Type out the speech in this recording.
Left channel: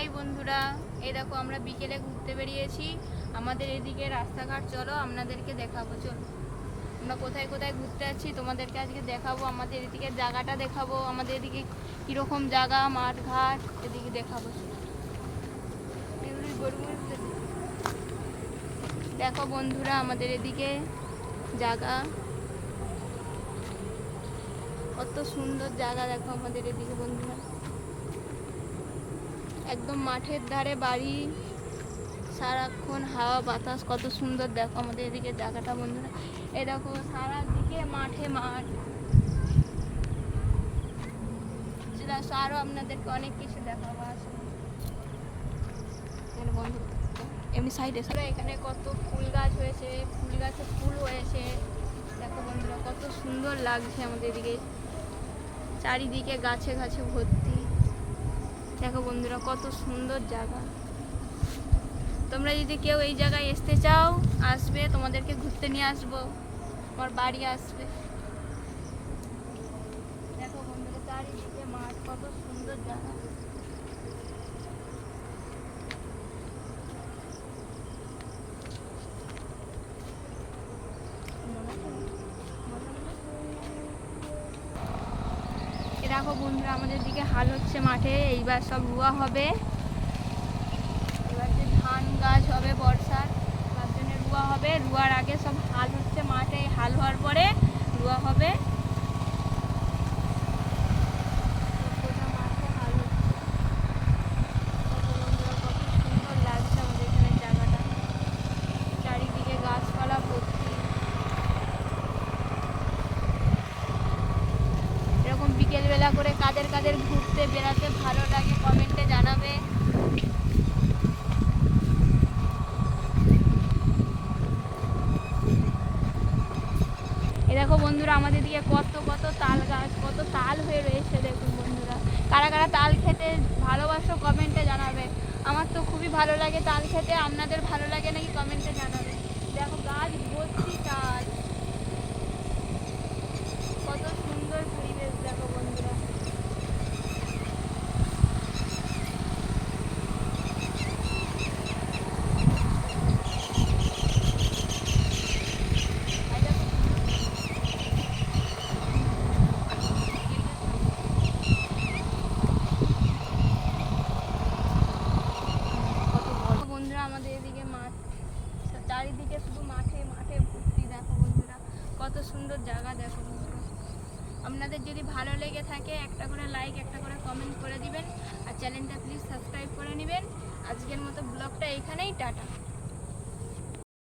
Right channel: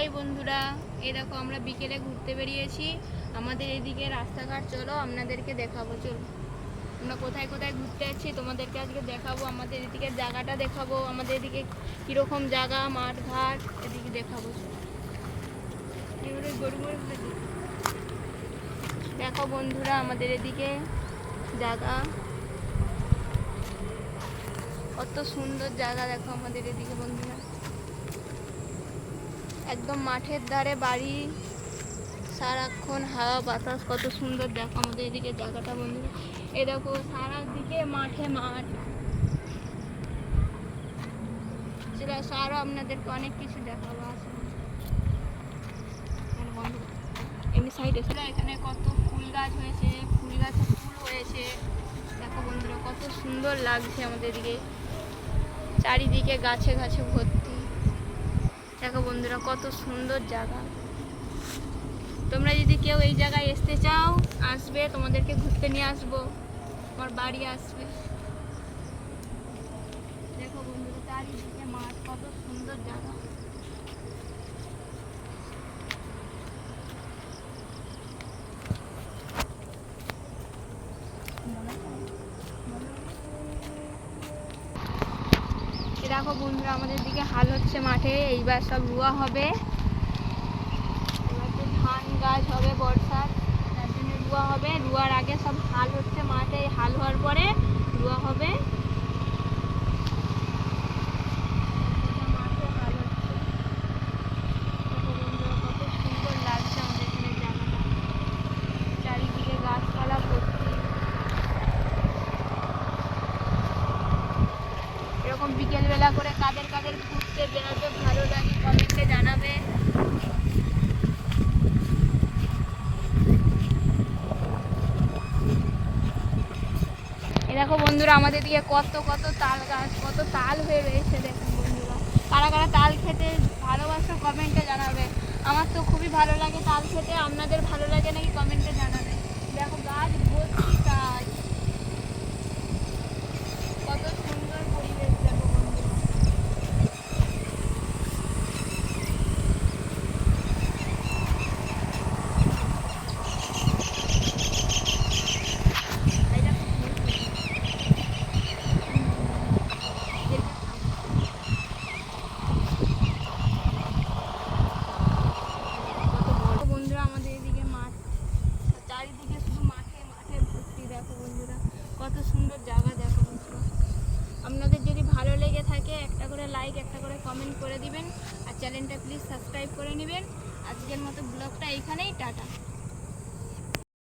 High বন্ধুরা, এই দেখো আমরা বিকেলে ঘুরতে বেরিয়েছি। আমাদের এদিকে রাস্তাঘাট চলো আপনাদেরকে দেখাবো। চলো আমরা কোথায় কোথায় ঘুরতে যাচ্ছি তোমাদেরকে আজকে দেখাবো। আমাদের এদিকে জায়গাটা দেখাবো, আমাদের এদিকে কীরকম জায়গা, মাঠ ঘাট এদিকে দেখাবো। দেখো বন্ধুরা আমাদের এদিকে জায়গা, কত সুন্দর জায়গা। দেখো আমাদের এদিকে বন্ধুরা, একদম মাঠের ধারে বাড়ি, সারাক্ষণ হাওয়া বাতাস, কত সুন্দর। দেখো আমাদের এদিকে জায়গাটা বন্ধুরা, এ দেখো সারা দিকে মাঠে মাঠ। সেটা আরও আপনাদেরকে অনেক কিছু দেখাবো। এমনি সাইডে এখানে কত ফুল গাছ হয়েছে, ফুল গাছে ফুল হয়েছে। দেখো বন্ধুরা কত সুন্দর লাগছে আমাদের এদিকে, চারিদিকে গাছে গাছে ভর্তি। দেখো বন্ধুরা কত সুন্দর জায়গা। তোমরা যদি কেউ এই জায়গায় আসতে চাও, আসবে, তোমাদেরকে ঘুরতে নিয়ে আসবো, আমার বাড়ি আসবে। দেখো বন্ধুরা চারিদিকে মাঠ, কত সুন্দর জায়গা। দেখো বন্ধুরা আমাদের দিকে হাল হচ্ছে মাঠে, এইবার সব রুয়া হবে। এবার যে ধান গাছ হবে বর্ষার, তার জন্য রুয়া হবে। রুয়ার আগে সব হাল হচ্ছে মাঠে, হাল হওয়ার পরে রুয়া হবে। মাঠে হাল হচ্ছে, সুন্দর লাগছে আমাদের এখানে জায়গাটা, চারিদিকে গাছপালা ভর্তি। এরকম বিকেলবেলা করে কাদের কাদের ঘুরতে বেড়াতে ভালো লাগে কমেন্টে জানাবে। এ দেখো বন্ধুরা আমাদের দিকে কত কত তাল গাছ, কত তাল হয়ে রয়েছে। দেখুন বন্ধুরা, কারা কারা তাল খেতে ভালোবাসো কমেন্টে জানাবে। আমার তো খুবই ভালো লাগে তাল খেতে, আপনাদের ভালো লাগে নাকি কমেন্টে জানাবে। দেখো গাছ ভর্তি তাল, কত সুন্দর পরিবেশ। দেখো বন্ধুরা আমাদের এদিকে মাঠ, চারিদিকে শুধু মাঠে মাঠে ভর্তি। দেখো বন্ধুরা কত সুন্দর জায়গা। দেখো বন্ধুরা আপনাদের যদি ভালো লেগে থাকে একটা করে লাইক, একটা করে কমেন্ট করে দিবেন, আর চ্যানেলটা প্লিজ সাবস্ক্রাইব করে নেবেন। আজকের মতো ব্লগটা এইখানেই, টাটা।